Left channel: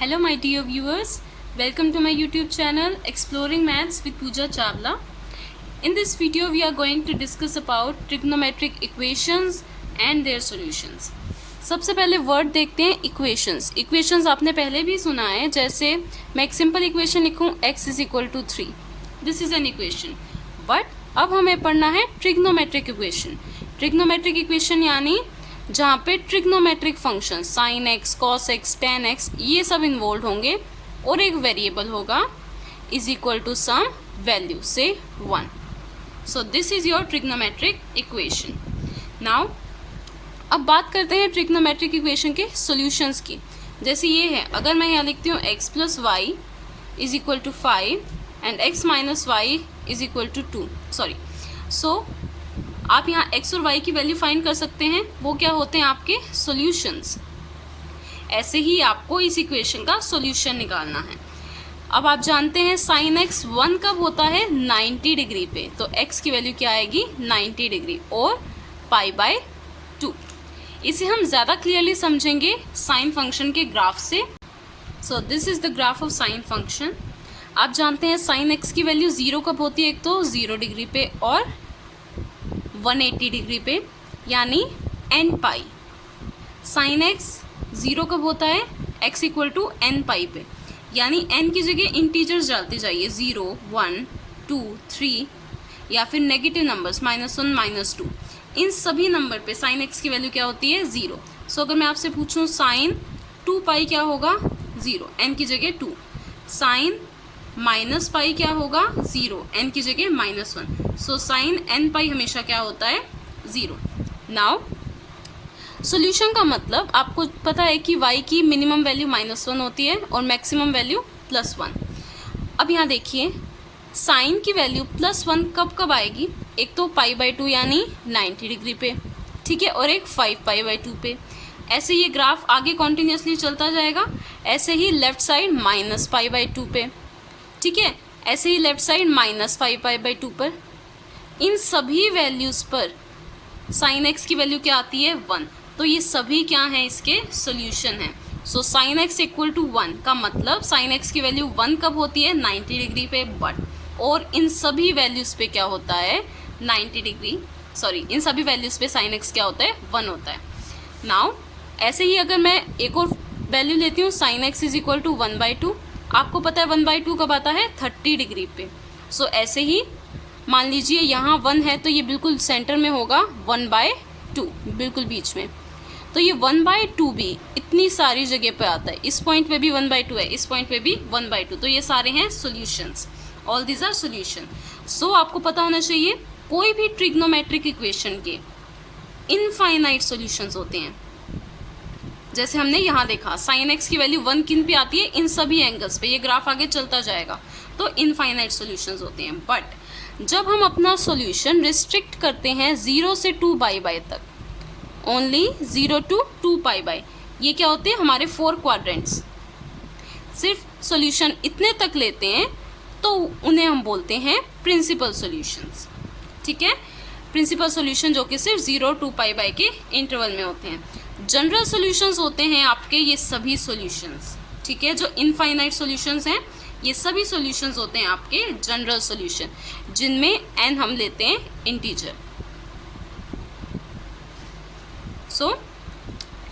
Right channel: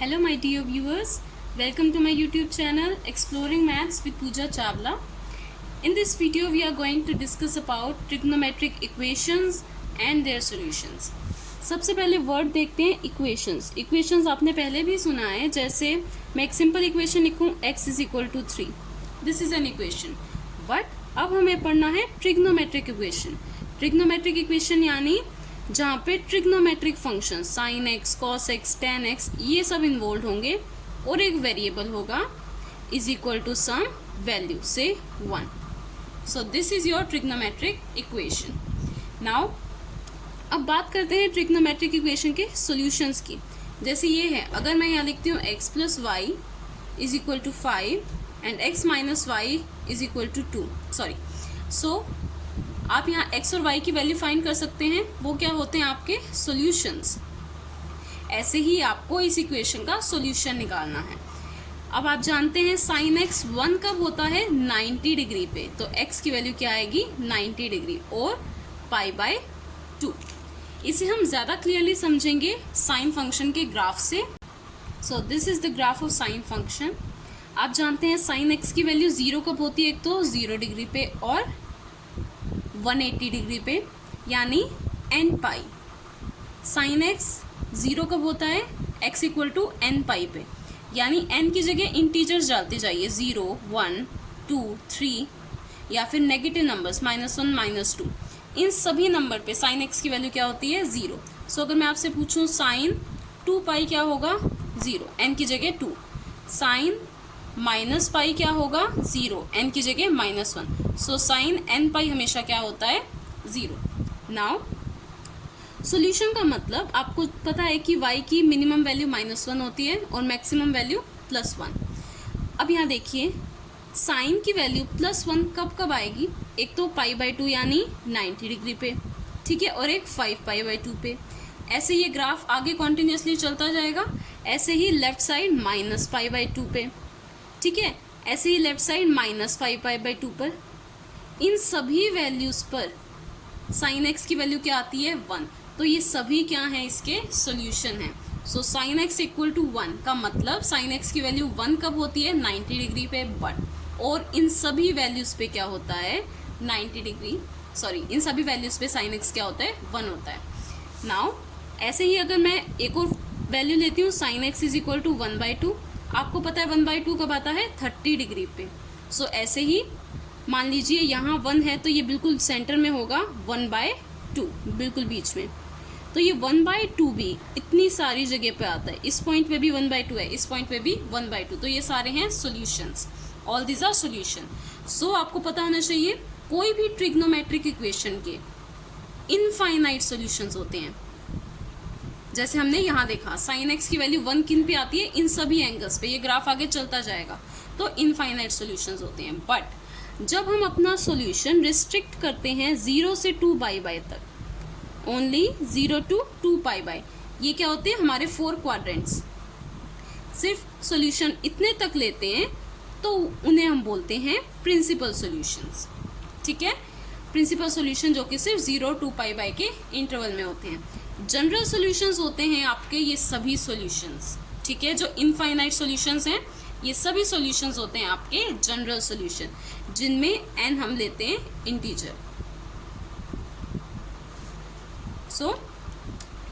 Hello my dear viewers, welcome to my YouTube channel Exploring Maths with Pooja Chawla. In this video we are going to discuss about trigonometric equations and their solutions. सबसे पहले word देखते हैं equations. Equations आपने पहले भी सुना है, जैसे मैं एक सिंपल इक्वेशन लिखूं x is equal to 3. This is an equation. But अब हमें पढ़ना है ट्रिग्नोमेट्रिक इक्वेशन. ट्रिग्नोमेट्रिक इक्वेशन यानी जहाँ पे trigonometric function sine x, cos x, tan x ये सब इन्वॉल्व होंगे और एक वेरिएबल होगा is equal to some value से 1. So this is your trigonometric equation. Now अब बात करते हैं ट्रिग्नोमेट्रिक इक्वेशन के सॉल्यूशंस की. जैसे ये है, अगर मैं यहाँ लिखती हूँ x plus y is equal to 5 and x minus y is equal to 2. Sorry, so आप यहाँ x और y की वैल्यू फाइंड कर सकते हैं. वो क्या होते हैं आपके सॉल्यूशंस. ऐसे ही आपको इस इक्वेशन का सॉल्यूशन निकालना है. अब आप जानते हैं साइन x 1 कब होता है 90 डिग्री पे, तो x की वैल्यू क्या आएगी 90 डिग्री और पाई बाय 2. इसे हम ज़्यादा क्लियरली समझेंगे साइन फंक्शन के ग्राफ से. सो this is the graph of sine function. आप जानते हैं साइन x की वैल्यू 0 कब होती है, एक तो 0 डिग्री पे और 180 डिग्री पे, यानी n पाई. साइन x 0 कब होता है x इक्वल टू n पाई पे, यानी n की जगह इंटीजर्स डालते जाइए 0, 1, 2, 3 या फिर नेगेटिव नंबर्स -1, -2. इन सभी नंबर पे साइन x की वैल्यू क्या होती है 0. सो अगर मैं आपसे पूछूं साइन 2 पाई क्या होगा 0, n की जगह 2. साइन माइनस पाई क्या होगा 0, n की जगह -1. सो साइन n पाई हमेशा क्या होता है 0. नाउ सॉल्यूशन का मतलब आपको पता है कि y की मिनिमम वैल्यू -1 होती है और मैक्सिमम वैल्यू +1. अब यहाँ देखिए साइन की वैल्यू +1 कब कब आएगी, एक तो पाई बाय 2 यानी 90 डिग्री पे, ठीक है, और एक 5 पाई बाय 2 पे. ऐसे ये ग्राफ आगे कॉन्टिन्यूसली चलता जाएगा. ऐसे ही लेफ्ट साइड -पाई बाय 2 पे, ठीक है, ऐसे ही लेफ्ट साइड -5 पाई बाय 2 पर. इन सभी वैल्यूज़ पर साइन x की वैल्यू क्या आती है 1. तो ये सभी क्या हैं इसके सॉल्यूशन हैं. So sine x equal to 1 का मतलब साइन x की वैल्यू 1 कब होती है 90 डिग्री पे, बट और इन सभी वैल्यूज़ पे क्या होता है 90 डिग्री, सॉरी इन सभी वैल्यूज़ पे साइन x क्या होता है 1 होता है. नाउ ऐसे ही अगर मैं एक और वैल्यू लेती हूँ sine x is equal to 1/2. आपको पता है 1/2 कब आता है 30 डिग्री पे. सो ऐसे ही मान लीजिए यहाँ 1 है तो ये बिल्कुल सेंटर में होगा 1/2, बिल्कुल बीच में. तो ये 1/2 भी इतनी सारी जगह पे आता है. इस पॉइंट पे भी 1/2 है, इस पॉइंट पे भी 1/2. तो ये सारे हैं solutions. All these are solution. So आपको पता होना चाहिए कोई भी ट्रिग्नोमेट्रिक इक्वेशन के इनफाइनाइट सॉल्यूशंस होते हैं. जैसे हमने यहाँ देखा साइन x की वैल्यू 1 किन पे आती है इन सभी एंगल्स पे. ये ग्राफ आगे चलता जाएगा. तो इनफाइनाइट सॉल्यूशंस होते हैं. बट जब हम अपना सॉल्यूशन रिस्ट्रिक्ट करते हैं 0 से 2 पाई बाय तक, ओनली 0 to 2 पाई बाय, ये क्या होते हैं हमारे 4 क्वाड्रेंट्स. सिर्फ सॉल्यूशन इतने तक लेते हैं तो उन्हें हम बोलते हैं प्रिंसिपल सॉल्यूशंस. ठीक है, प्रिंसिपल सॉल्यूशन जो कि सिर्फ 0 2 पाई बाय के इंटरवल में होते हैं. जनरल सॉल्यूशंस होते हैं आपके ये सभी सॉल्यूशंस. ठीक है, जो इनफाइनाइट सॉल्यूशंस हैं ये सभी सॉल्यूशंस होते हैं आपके जनरल सॉल्यूशन, जिनमें n हम लेते हैं इंटीजर. सो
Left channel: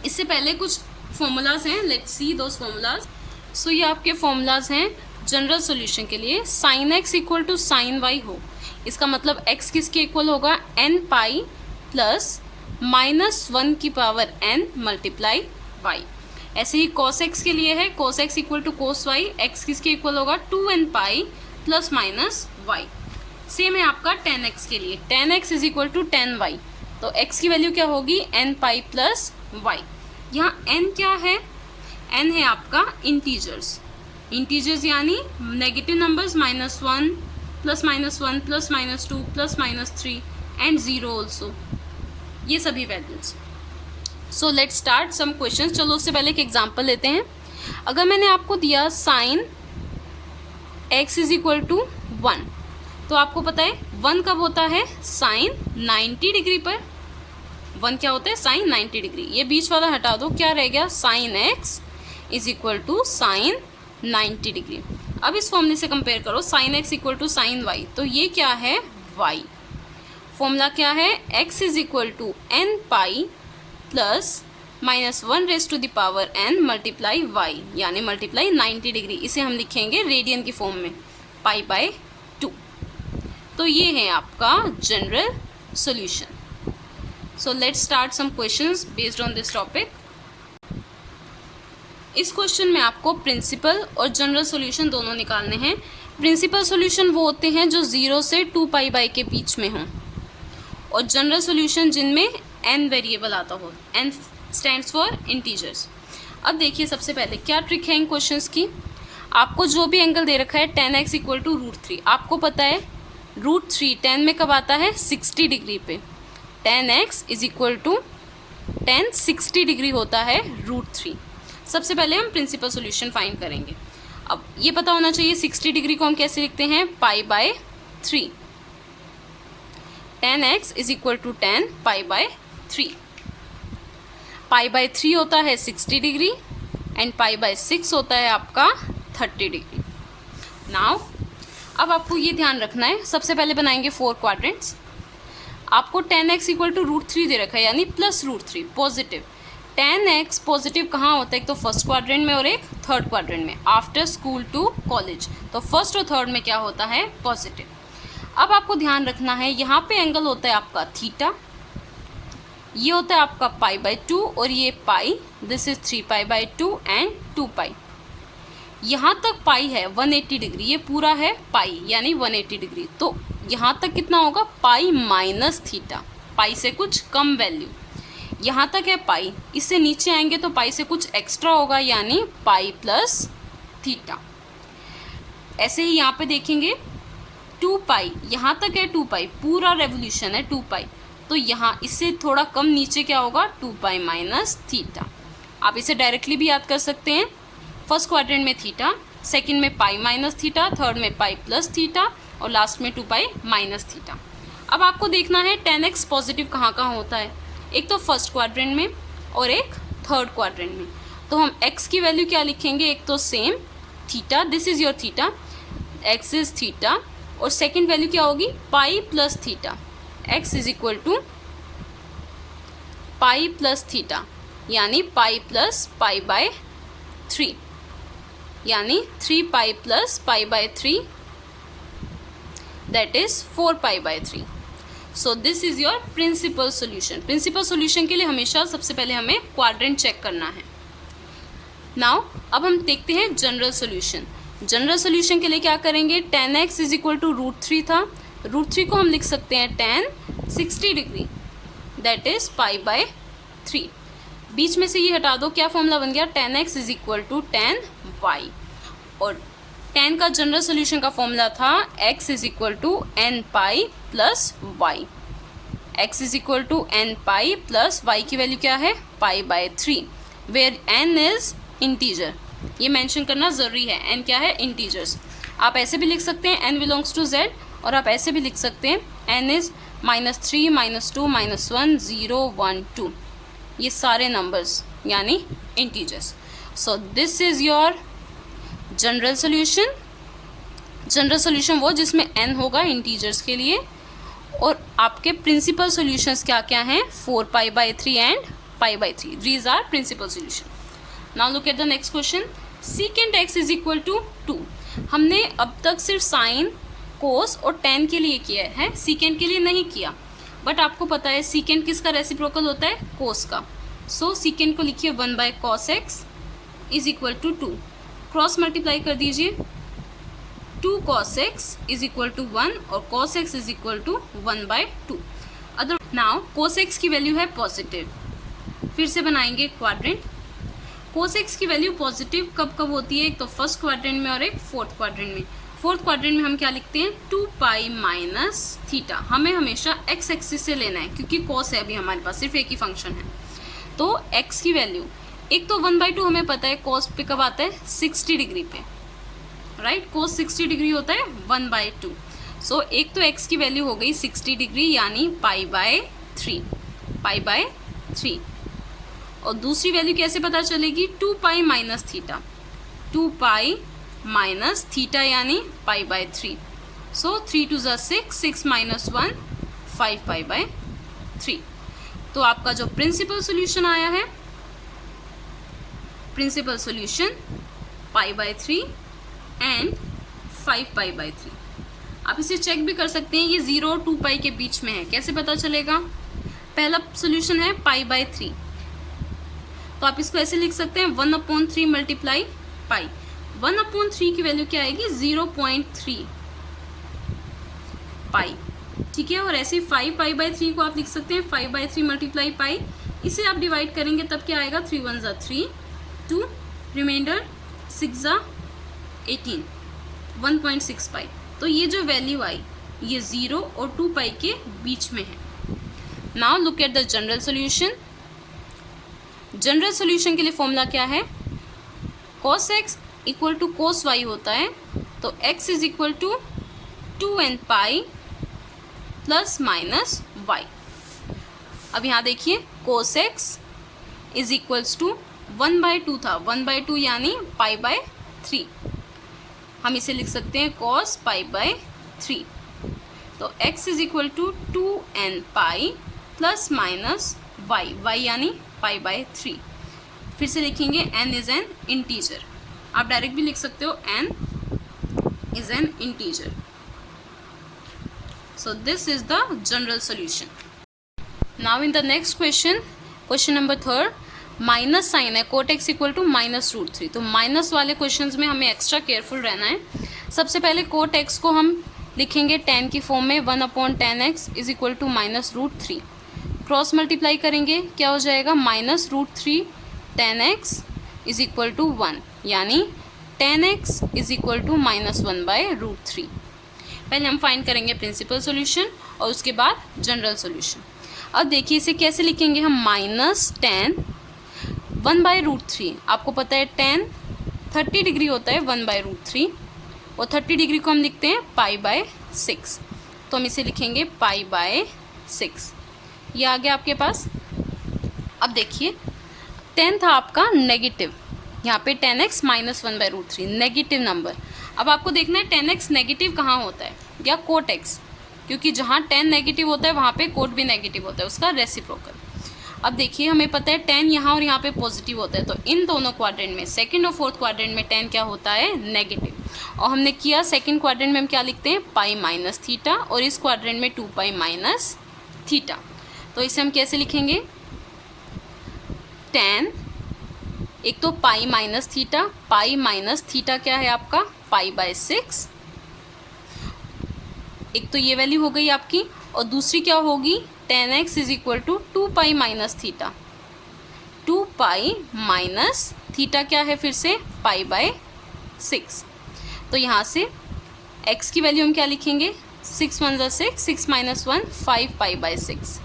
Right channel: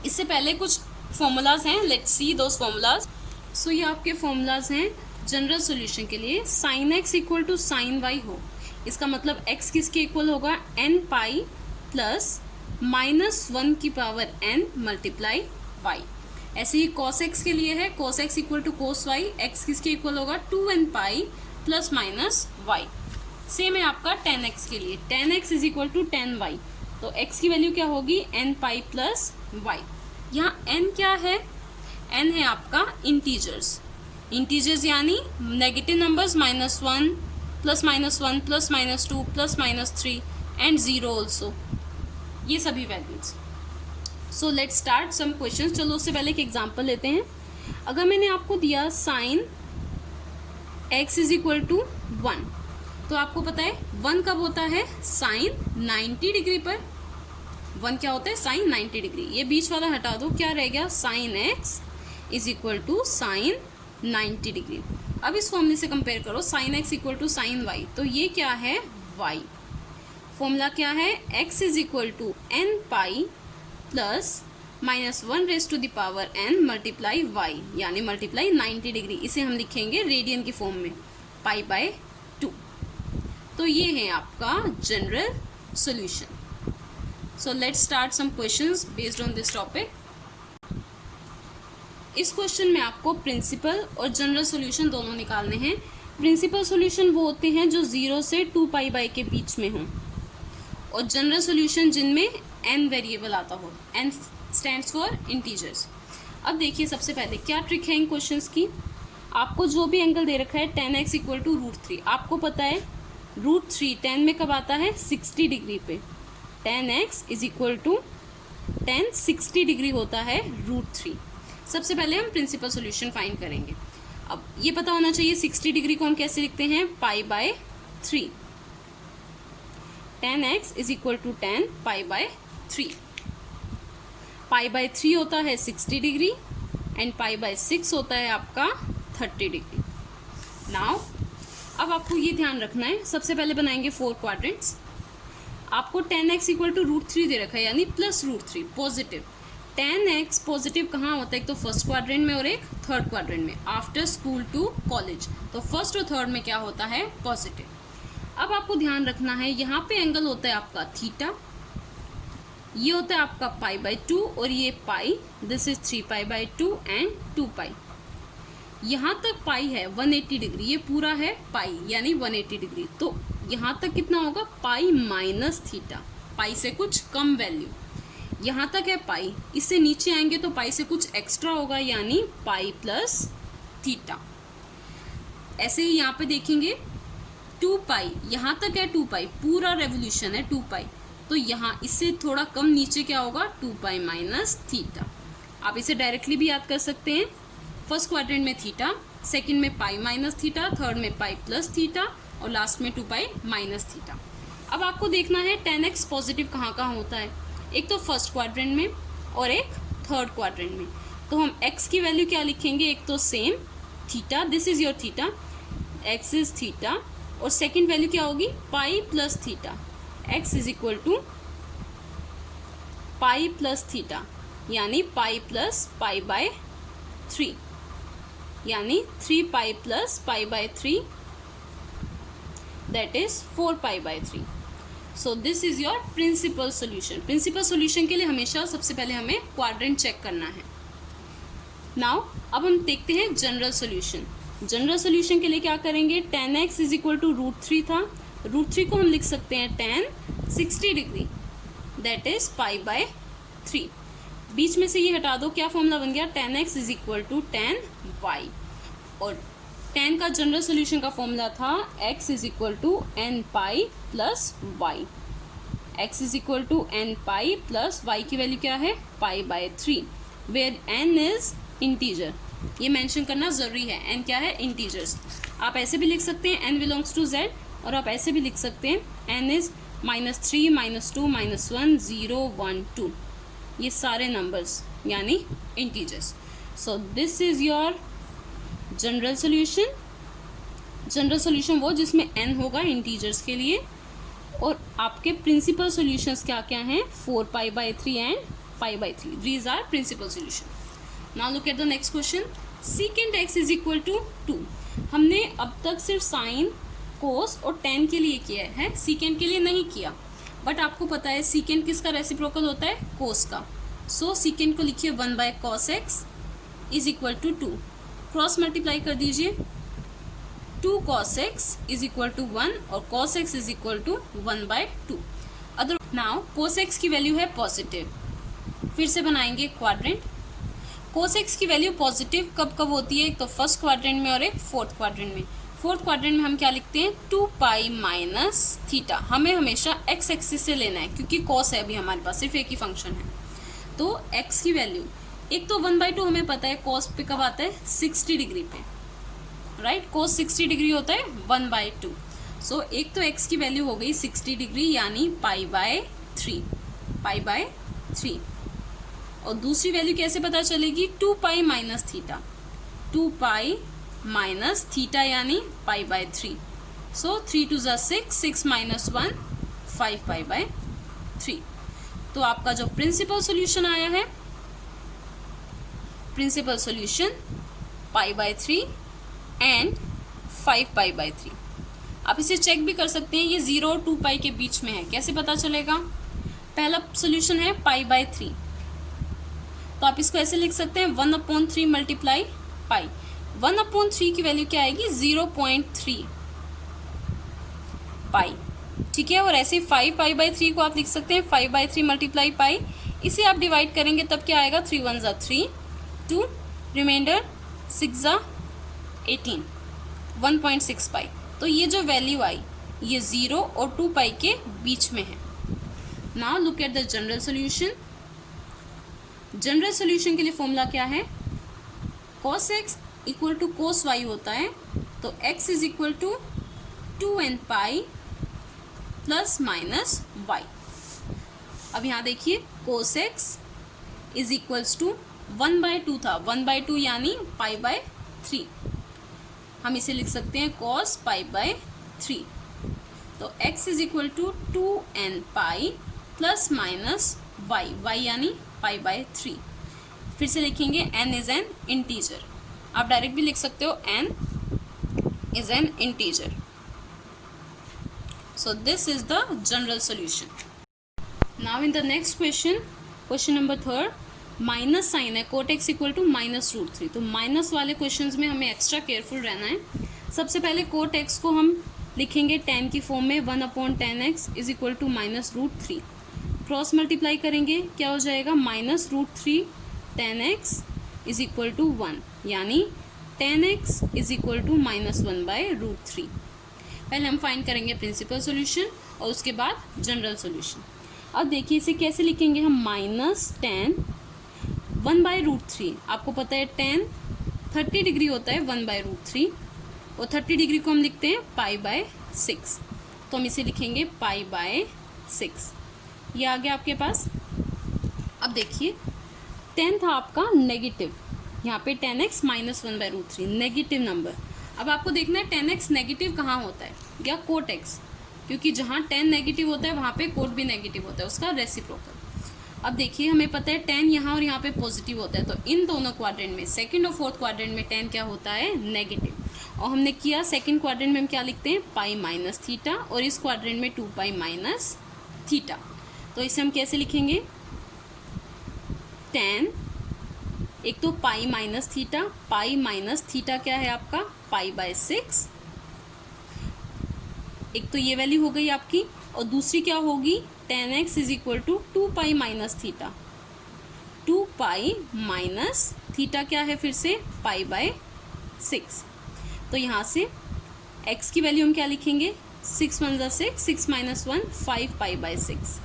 इससे पहले कुछ फॉर्मूलाज हैं, लेट्स सी दोस फॉर्मूलाज. सो ये आपके फॉर्मूलाज हैं जनरल सॉल्यूशन के लिए. Sine x equal to sine y हो, इसका मतलब x किसके इक्वल होगा n पाई प्लस -1 की पावर n मल्टीप्लाई y. ऐसे ही cos x के लिए है cos x equal to cos y, x किसके इक्वल होगा 2n pi plus minus y. Same है आपका tan x के लिए, tan x is equal to tan y. तो x की वैल्यू क्या होगी n पाई प्लस y. यहाँ n क्या है, n है आपका इंटीजर्स. इंटीजर्स यानी negative numbers -1 plus -1 plus -2 plus -3 and 0 also, ये सभी values. So let's start some questions. चलो उससे पहले एक एग्जांपल लेते हैं. अगर मैंने आपको दिया sine x is equal to 1, तो आपको पता है 1 कब होता है साइन 90 डिग्री पर. 1 क्या होता है साइन 90 डिग्री. ये बीच वाला हटा दो, क्या रह गया sine x is equal to sine 90 degree. अब इस फॉर्मूले से कंपेयर करो, sine x equal to sine y, तो ये क्या है वाई। फॉर्मूला क्या है, x is equal to n pi plus -1 raise to the power n multiply y, यानी मल्टीप्लाई 90 डिग्री। इसे हम लिखेंगे रेडियन की फॉर्म में, पाई बाय 2। तो ये है आपका general solution. So let's start some questions based on this topic. इस क्वेश्चन में आपको प्रिंसिपल और जनरल सॉल्यूशन दोनों निकालने हैं। प्रिंसिपल सॉल्यूशन वो होते हैं जो 0 से 2 पाई बाय के बीच में हों, और जनरल सॉल्यूशन जिनमें n वेरिएबल आता हो। n stands for integers. अब देखिए सबसे पहले क्या ट्रिक है इन क्वेश्चंस की। आपको जो भी एंगल दे रखा है tan x इक्वल टू √3, आपको पता है √3 tan में कब आता है 60 डिग्री पे। tan x is equal to tan 60 degree होता है √3। सबसे पहले हम प्रिंसिपल सॉल्यूशन फाइंड करेंगे। अब ये पता होना चाहिए 60 डिग्री को हम कैसे लिखते हैं, pi by 3। tan x is equal to tan pi by 3। Pi by 3 होता है 60 डिग्री एंड पाई बाय 6 होता है आपका 30 डिग्री। नाउ अब आपको ये ध्यान रखना है, सबसे पहले बनाएंगे 4 क्वाड्रेंट्स। आपको tan x इक्वल टू √3 दे रखा है, यानी plus √3 positive. tan x positive कहाँ होता है, एक तो फर्स्ट क्वाड्रेंट में और एक थर्ड क्वाड्रेंट में, आफ्टर स्कूल टू कॉलेज। तो फर्स्ट और थर्ड में क्या होता है, पॉजिटिव। अब आपको ध्यान रखना है, यहाँ पे एंगल होता है आपका थीटा, ये होता है आपका पाई बाय 2 और ये pi, this is 3 pi by 2 and 2 pi. यहाँ तक पाई है 180 डिग्री, ये पूरा है पाई यानी 180 डिग्री। तो यहाँ तक कितना होगा, पाई माइनस थीटा, पाई से कुछ कम वैल्यू। यहाँ तक है पाई, इससे नीचे आएंगे तो पाई से कुछ एक्स्ट्रा होगा, यानी पाई प्लस थीटा। ऐसे ही यहाँ पे देखेंगे 2 पाई, यहाँ तक है 2 पाई, पूरा रेवोल्यूशन है 2 पाई। तो यहाँ इससे थोड़ा कम नीचे क्या होगा, 2 पाई माइनस थीटा। आप इसे डायरेक्टली भी याद कर सकते हैं। फर्स्ट क्वाड्रेंट में थीटा, सेकंड में पाई माइनस थीटा, थर्ड में पाई प्लस थीटा और लास्ट में 2 पाई माइनस थीटा। अब आपको देखना है tan x पॉजिटिव कहाँ कहाँ होता है, एक तो फर्स्ट क्वाड्रेंट में और एक थर्ड क्वाड्रेंट में। तो हम x की वैल्यू क्या लिखेंगे, एक तो same theta, this is your theta, x is theta, और सेकेंड वैल्यू क्या होगी, pi plus theta. x is equal to pi plus theta, यानी पाई प्लस पाई बाय 3, यानी 3 pi plus pi by 3, that is 4 pi by 3। So this is your principal solution. Principal solution के लिए हमेशा सबसे पहले हमें क्वाड्रेंट चेक करना है। नाउ अब हम देखते हैं जनरल सॉल्यूशन। जनरल सॉल्यूशन के लिए क्या करेंगे, tan x is equal to √3 था, √3 को हम लिख सकते हैं tan 60 degree, that is pi by 3। बीच में से ये हटा दो, क्या फॉर्मूला बन गया, tan x is equal to tan y, और tan का जनरल सॉल्यूशन का फॉर्मूला था x is equal to n pi plus y। x is equal to n pi plus y की वैल्यू क्या है, pi by 3, where n is integer. ये mention करना जरूरी है, n क्या है, इंटीजर्स। आप ऐसे भी लिख सकते हैं n बिलोंग्स टू z, और आप ऐसे भी लिख सकते हैं n इज -3 -2 -1 0 1 2, ये सारे नंबर्स यानी integers. So this is your general solution. General solution वो जिसमें n होगा इंटीजर्स के लिए, और आपके प्रिंसिपल सॉल्यूशंस क्या क्या हैं, 4 pi by 3 and pi by 3, these are principal solution. Now look at the next question, secant x is equal to 2। हमने अब तक सिर्फ साइन, कोस और tan के लिए किया है, सीकेंट के लिए नहीं किया, बट आपको पता है सीकेंट किसका रेसिप्रोकल होता है, कोस का। सो सीकेंट को लिखिए 1 by cos x is equal to 2, cross multiply कर दीजिए, 2 cos x is equal to 1 और cos x is equal to 1 by 2। Other now cos x की वैल्यू है पॉजिटिव, फिर से बनाएंगे क्वाड्रेंट। cos x की वैल्यू पॉजिटिव कब कब होती है, एक तो फर्स्ट क्वाड्रेंट में और एक फोर्थ क्वाड्रेंट में। फोर्थ क्वाड्रेंट में हम क्या लिखते हैं, 2 पाई माइनस थीटा। हमें हमेशा x एक्सिस से लेना है क्योंकि cos है, अभी हमारे पास सिर्फ एक ही फंक्शन है। तो x की वैल्यू, एक तो 1/2 हमें पता है cos पे कब आता है, 60 डिग्री पे, राइट, cos 60 डिग्री होता है 1/2। सो एक तो x की वैल्यू हो गई 60 डिग्री यानी पाई बाय 3, पाई बाय 3, और दूसरी वैल्यू कैसे पता चलेगी, 2 pi minus theta, 2 pi minus theta यानी पाई बाय 3. सो 3 2 ज़ा 6, 6 माइनस 1 5 पाई बाय 3. तो आपका जो प्रिंसिपल सॉल्यूशन आया है, principal solution pi by 3 and 5 pi by 3. आप इसे चेक भी कर सकते हैं, ये 0 और 2 पाई के बीच में है. कैसे पता चलेगा, पहला सॉल्यूशन है पाई बाय 3, तो आप इसको ऐसे लिख सकते हैं 1/3 मल्टीप्लाई पाई. 1/3 की वैल्यू क्या आएगी, 0.3 पाई. ठीक है, और ऐसे 5 पाई बाय 3 को आप लिख सकते हैं 5 बाय 3 मल्टीप्लाई पाई. इसे आप डिवाइड करेंगे तब क्या आएगा, 3 1 ज़ा 3, 2 रिमाइंडर 6 ज़ा 18, 1.6 पाई. तो ये जो वैल्यू आई ये 0 और 2 पाई के बीच में है. Now look at the general solution. General solution के लिए फॉर्मूला क्या है, cos x equal to cos y होता है. तो x is equal to 2n pi plus minus y. अब यहाँ देखिए cos x is equals to 1/2 था, 1/2 यानी पाई बाय 3. हम इसे लिख सकते हैं cos पाई बाय 3. तो x is equal to 2n pi plus minus y, y यानी पाई बाय 3. फिर से लिखेंगे n इज एन इंटीजर. आप डायरेक्ट भी लिख सकते हो n is an integer. So this is the general solution. Now in the next question, question number 3, minus sine है, कोट एक्स इक्वल टू -√3. तो माइनस वाले क्वेश्चंस में हमें एक्स्ट्रा केयरफुल रहना है. सबसे पहले कोट एक्स को हम लिखेंगे tan की फॉर्म में, 1/tan x is equal to -√3. Cross multiply करेंगे क्या हो जाएगा, -√3 tan x is equal to 1, यानी tan x is equal to -1/√3. पहले हम फाइंड करेंगे प्रिंसिपल सॉल्यूशन और उसके बाद जनरल सॉल्यूशन. अब देखिए इसे कैसे लिखेंगे हम, -tan 1/√3. आपको पता है tan 30 डिग्री होता है 1/√3, और 30 डिग्री को हम लिखते हैं पाई बाय 6. तो हम इसे लिखेंगे पाई बाय 6. ये आ गया आपके पास. अब देखिए tan था आपका नेगेटिव, यहाँ पे tan x -1/√3 नेगेटिव नंबर. अब आपको देखना है tan x नेगेटिव कहाँ होता है, या कोट x, क्योंकि जहाँ tan नेगेटिव होता है वहाँ पे कोट भी नेगेटिव होता है, उसका रेसिप्रोकल. अब देखिए हमें पता है tan यहाँ और यहाँ पे पॉजिटिव होता है, तो इन दोनों क्वाड्रेंट में, सेकंड और फोर्थ क्वाड्रेंट में tan क्या होता है, नेगेटिव. और हमने किया सेकंड क्वाड्रेंट में हम क्या लिखते हैं, पाई माइनस थीटा, और इस क्वाड्रेंट में 2 पाई माइनस थीटा. तो इसे हम कैसे लिखेंगे, tan, एक तो पाई माइनस थीटा, पाई माइनस थीटा क्या है आपका, पाई बाय 6. एक तो ये वैल्यू हो गई आपकी, और दूसरी क्या होगी, tan x is equal to 2 pi minus theta. 2 pi minus theta क्या है फिर से, पाई बाय 6. तो यहाँ से x की वैल्यू हम क्या लिखेंगे, 6 1 ज़ा 6, 6 माइनस 1 5 पाई बाय 6.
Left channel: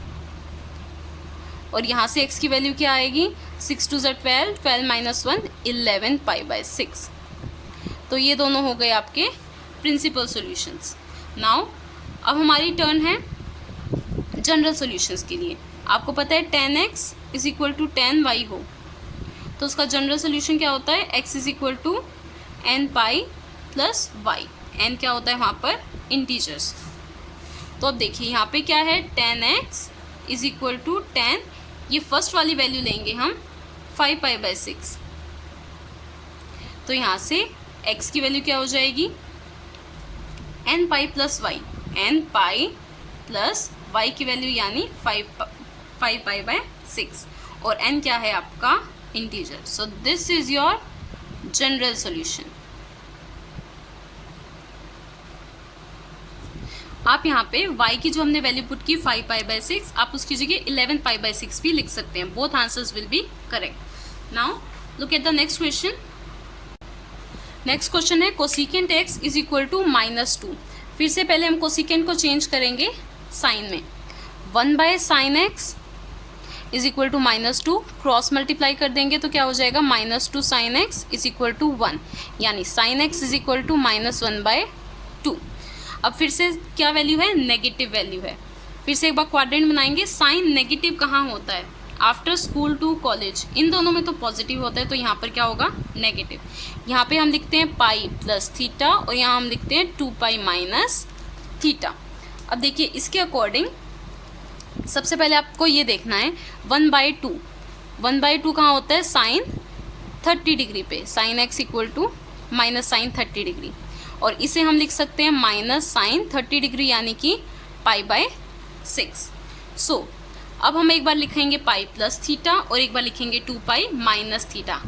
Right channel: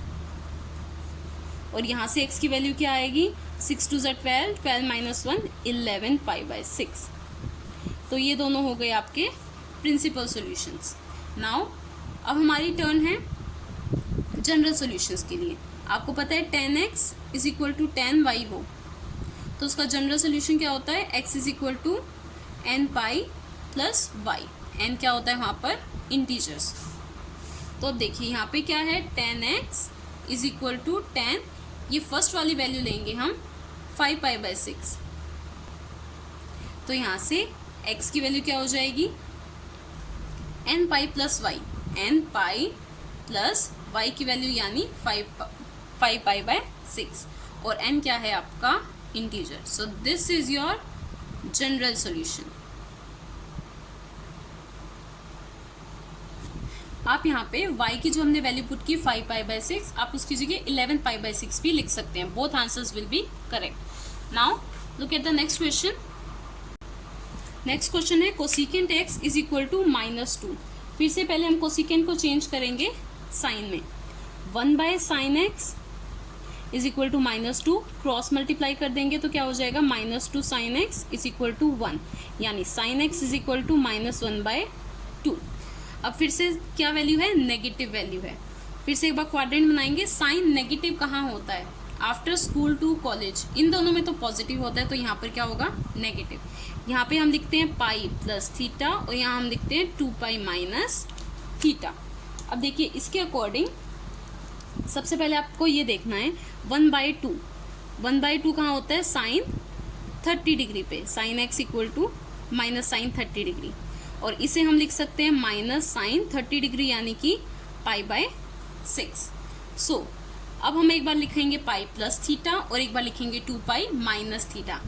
और यहाँ से x की वैल्यू क्या आएगी, 6 2 ज़ा 12, 12 माइनस 1 11 पाई बाय 6. तो ये दोनों हो गए आपके प्रिंसिपल सॉल्यूशंस. नाउ अब हमारी टर्न है जनरल सॉल्यूशंस के लिए. आपको पता है tan x is equal to tan y हो, तो उसका जनरल सॉल्यूशन क्या होता है, x is equal to n pi plus y. n क्या होता है वहाँ पर, इंटीजर्स. तो अब देखिए यहाँ पे क्या है, tan x is equal to tan, ये फर्स्ट वाली वैल्यू लेंगे हम 5 पाई बाय 6. तो यहाँ से x की वैल्यू क्या हो जाएगी, n pi plus y, n pi plus y की वैल्यू यानी 5 पाई बाय 6, और n क्या है आपका, integer. So this is your general solution. आप यहाँ पे y की जो हमने वैल्यू पुट की 5 पाई बाय 6, आप उसकी जगह 11 पाई बाय 6 भी लिख सकते हैं. Both answers will be correct. Now look at the next question. Next question है cosecant x is equal to -2. फिर से पहले हम कोसिकेंट को चेंज करेंगे साइन में. 1 by sine x is equal to -2, cross multiply कर देंगे तो क्या हो जाएगा, -2 sine x is equal to 1, यानी sine x is equal to -1/2. अब फिर से क्या वैल्यू है, नेगेटिव वैल्यू है. फिर से एक बार क्वाड्रेंट बनाएंगे. साइन नेगेटिव कहाँ होता है, आफ्टर स्कूल टू कॉलेज, इन दोनों में तो पॉजिटिव होता है, तो यहाँ पर क्या होगा, नेगेटिव। यहाँ पे हम लिखते हैं पाई प्लस थीटा और यहाँ हम लिखते हैं 2 पाई माइनस थीटा। अब देखिए इसके अकॉर्डिंग सबसे पहले आपको ये देखना है 1/2, 1/2 कहाँ होता है, साइन 30 डिग्री पे, sine x equal to minus sine 30 degree, और इसे हम लिख सकते हैं माइनस साइन 30 डिग्री यानी कि π/6। सो अब हम एक बार लिखेंगे पाई प्लस थीटा और एक बार लिखेंगे 2 पाई माइनस थीटा,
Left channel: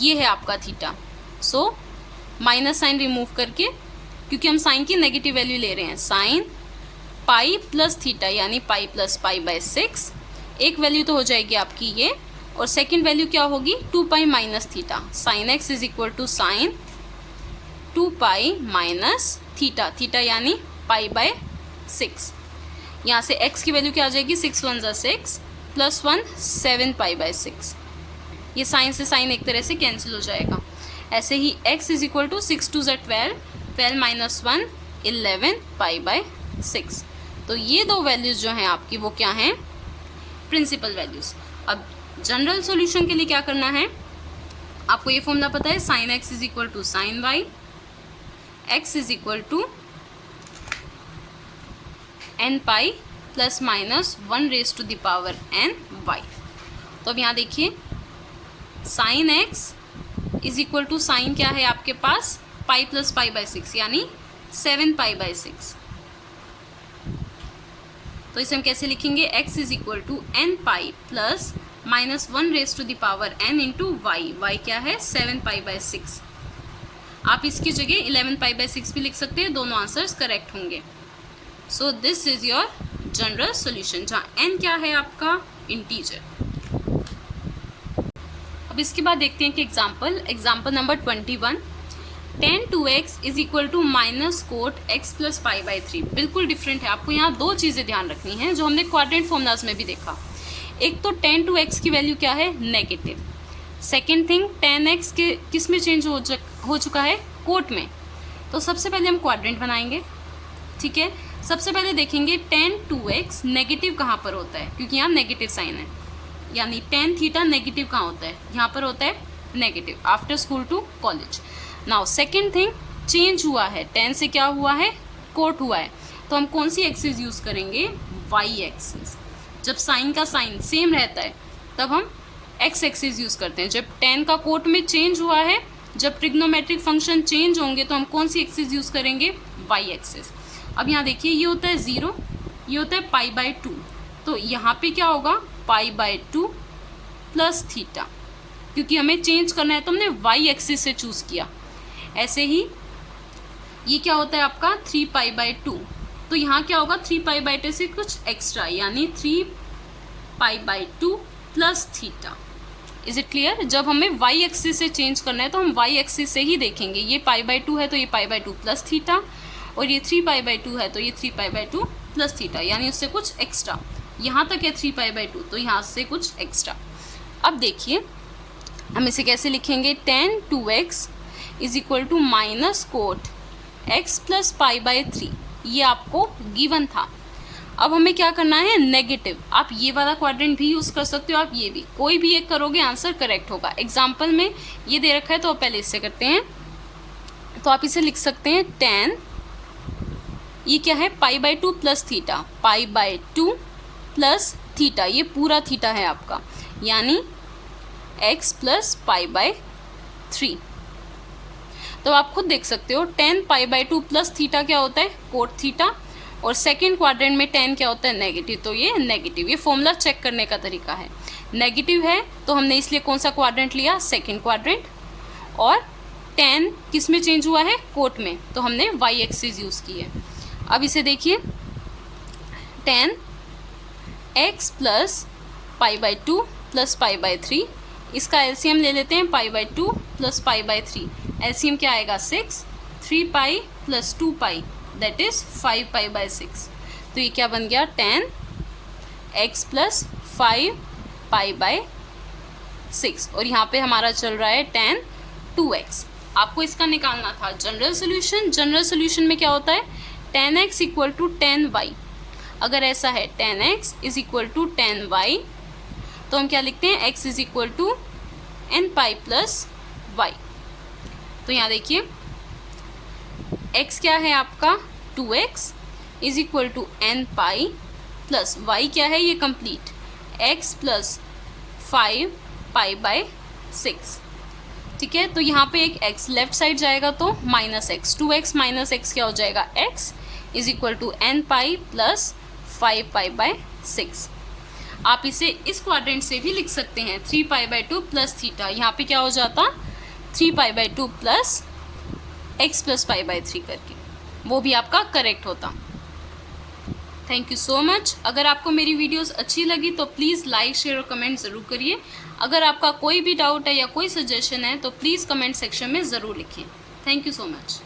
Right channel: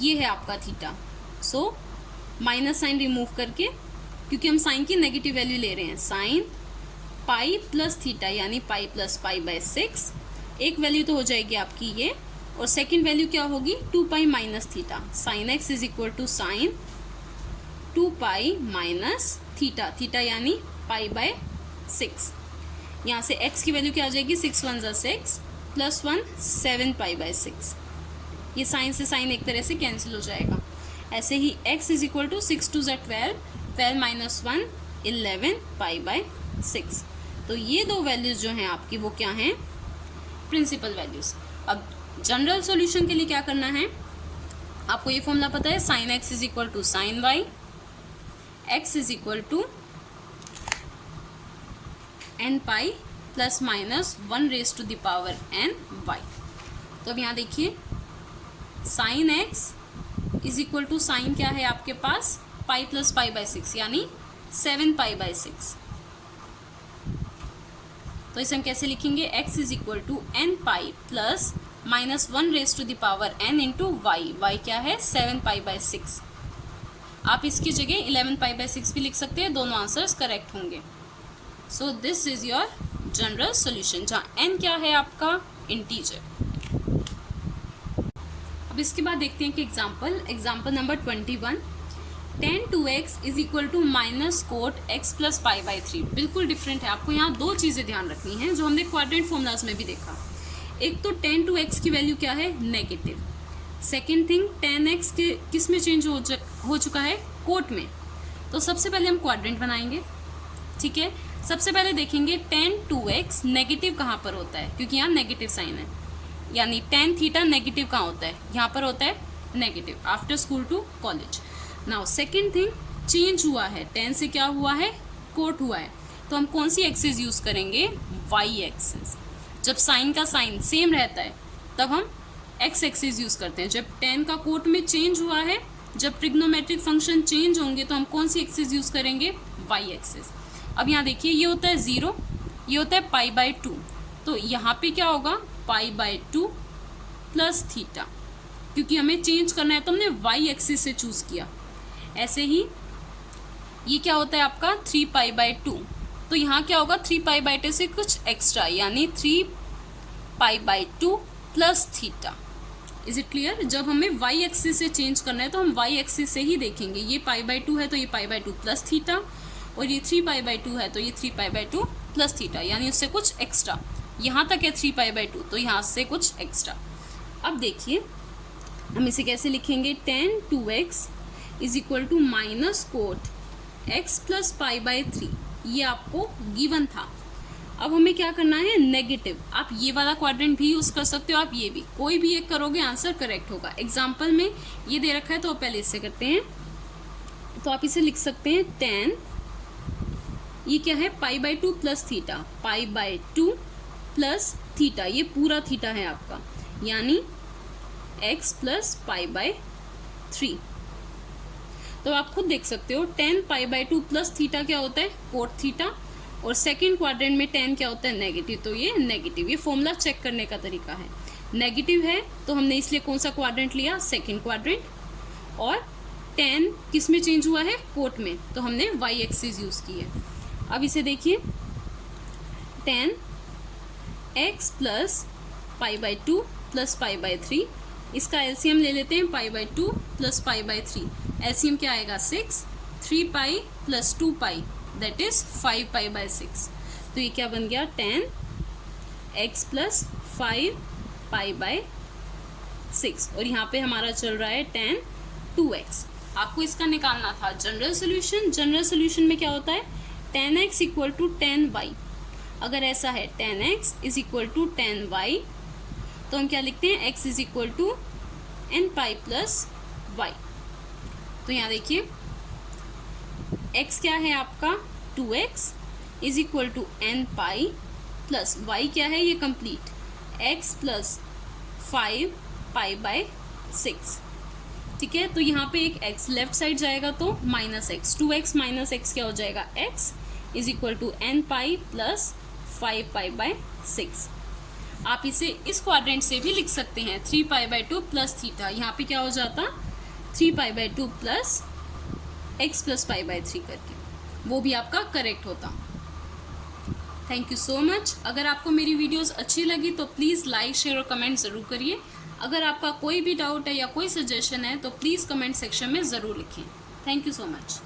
ये है आपका theta. So minus sine remove करके, क्योंकि हम साइन की नेगेटिव वैल्यू ले रहे हैं, साइन पाई प्लस थीटा यानी पाई प्लस π/6, एक वैल्यू तो हो जाएगी आपकी ये, और सेकंड वैल्यू क्या होगी, 2 pi minus theta, sine x is equal to sine 2 pi minus theta, theta यानी π/6। यहाँ से x की वैल्यू क्या आ जाएगी, 6 1 ज़ा 6 प्लस 1 7 π/6, ये साइन से साइन एक तरह से कैंसिल हो जाएगा। ऐसे ही x इज इक्वल टू 6 2 ज़ा 12, 12 माइनस 1 11 π/6। तो ये दो वैल्यूज़ जो हैं आपकी वो क्या हैं, प्रिंसिपल वैल्यूज़। अब जनरल सॉल्यूशन के लिए क्या करना है, आपको ये फॉर्मूला पता है, sine x is equal to sine y, x is equal to n pi plus minus 1 raise to the power n y. तो अब यहाँ देखिए sine x is equal to sine क्या है आपके पास, पाई प्लस π/6 यानी 7 π/6। तो इसे हम कैसे लिखेंगे, x is equal to n pi plus minus 1 raise to the power n into y, y क्या है 7 π/6। आप इसकी जगह 11 π/6 भी लिख सकते हैं, दोनों आंसर्स करेक्ट होंगे। सो this is your general solution, जहाँ n क्या है आपका, इंटीजर। अब इसके बाद देखते हैं कि example number 21, tan 2x is equal to minus cot x plus π/3। बिल्कुल डिफरेंट है, आपको यहाँ दो चीज़ें ध्यान रखनी हैं जो हमने क्वाड्रेंट फॉर्मूलाज में भी देखा। एक तो tan 2x की वैल्यू क्या है, negative. Second thing, tan x के किस में चेंज हो चुका है, कोट में। तो सबसे पहले हम क्वाड्रेंट बनाएंगे, ठीक है। सबसे पहले देखेंगे tan 2x नेगेटिव कहाँ पर होता है, क्योंकि यहाँ नेगेटिव साइन है, यानी tan थीटा नेगेटिव कहाँ होता है, यहाँ पर होता है negative, after school to college. Now second thing, change हुआ है, tan से क्या हुआ है, कोट हुआ है, तो हम कौन सी एक्सिस यूज़ करेंगे, वाई एक्सिस। जब साइन का साइन सेम रहता है तब हम एक्स एक्सिस यूज़ करते हैं। जब tan का कोट में चेंज हुआ है, जब ट्रिग्नोमेट्रिक फंक्शन चेंज होंगे तो हम कौन सी एक्सिस यूज़ करेंगे, वाई एक्सिस। अब यहाँ देखिए ये होता है 0, ये होता है π/2, तो यहाँ पे क्या होगा, π/2 प्लस थीटा, क्योंकि हमें चेंज करना है तो हमने वाई एक्सिस से चूज़ किया। ऐसे ही ये क्या होता है आपका 3 π/2, तो यहाँ क्या होगा 3 π/2 से कुछ एक्स्ट्रा, यानी 3 π/2 plus theta. Is it clear. जब हमें वाई एक्सिस से चेंज करना है तो हम वाई एक्सिस से ही देखेंगे, ये π/2 है तो ये π/2 प्लस थीटा, और ये 3 π/2 है तो ये 3 π/2 प्लस थीटा, यानी उससे कुछ एक्स्ट्रा। यहाँ तक है 3 π/2, तो यहाँ से कुछ एक्स्ट्रा। अब देखिए हम इसे कैसे लिखेंगे, tan 2x is equal to minus cot x plus π/3, ये आपको गिवन था। अब हमें क्या करना है, नेगेटिव। आप ये वाला क्वाड्रेंट भी यूज़ कर सकते हो, आप ये भी, कोई भी एक करोगे आंसर करेक्ट होगा। एग्जाम्पल में ये दे रखा है तो पहले इससे करते हैं, तो आप इसे लिख सकते हैं tan, ये क्या है π/2 प्लस थीटा, π/2 प्लस थीटा, ये पूरा थीटा है आपका, यानी x प्लस π/3। तो आप खुद देख सकते हो tan π/2 प्लस थीटा क्या होता है, कोट थीटा, और सेकेंड क्वाड्रेंट में tan क्या होता है, नेगेटिव, तो ये नेगेटिव। ये फॉर्मूला चेक करने का तरीका है, नेगेटिव है तो हमने इसलिए कौन सा क्वाड्रेंट लिया, सेकेंड क्वाड्रेंट, और tan किस में चेंज हुआ है, कोट में, तो हमने वाई एक्सिस यूज़ की है। अब इसे देखिए tan x प्लस π/2 प्लस π/3, इसका एलसीएम ले लेते हैं, π/2 प्लस π/3, एलसीएम क्या आएगा 6, 3 pi plus 2 pi that is 5 π/6। तो ये क्या बन गया, tan x प्लस 5 π/6, और यहाँ पे हमारा चल रहा है tan 2x। आपको इसका निकालना था जनरल सोल्यूशन। जनरल सोल्यूशन में क्या होता है, tan x equal to tan y। अगर ऐसा है tan x is equal to tan y तो हम क्या लिखते हैं, x is equal to n pi plus y. तो यहाँ देखिए x क्या है आपका 2x is equal to n pi plus y क्या है, ये complete x plus 5 pi by 6। ठीक है, तो यहाँ पे एक x लेफ्ट साइड जाएगा तो minus x, 2x minus x क्या हो जाएगा, x is equal to n pi plus 5 pi by 6। आप इसे इस क्वाड्रेंट से भी लिख सकते हैं, 3 पाई बाय 2 प्लस थीटा, यहाँ पे क्या हो जाता 3 pi by 2 plus x plus pi by 3 करके, वो भी आपका करेक्ट होता। Thank you so much. अगर आपको मेरी वीडियोस अच्छी लगी तो प्लीज़ लाइक शेयर और कमेंट ज़रूर करिए। अगर आपका कोई भी डाउट है या कोई सजेशन है तो प्लीज़ कमेंट सेक्शन में ज़रूर लिखें। Thank you so much.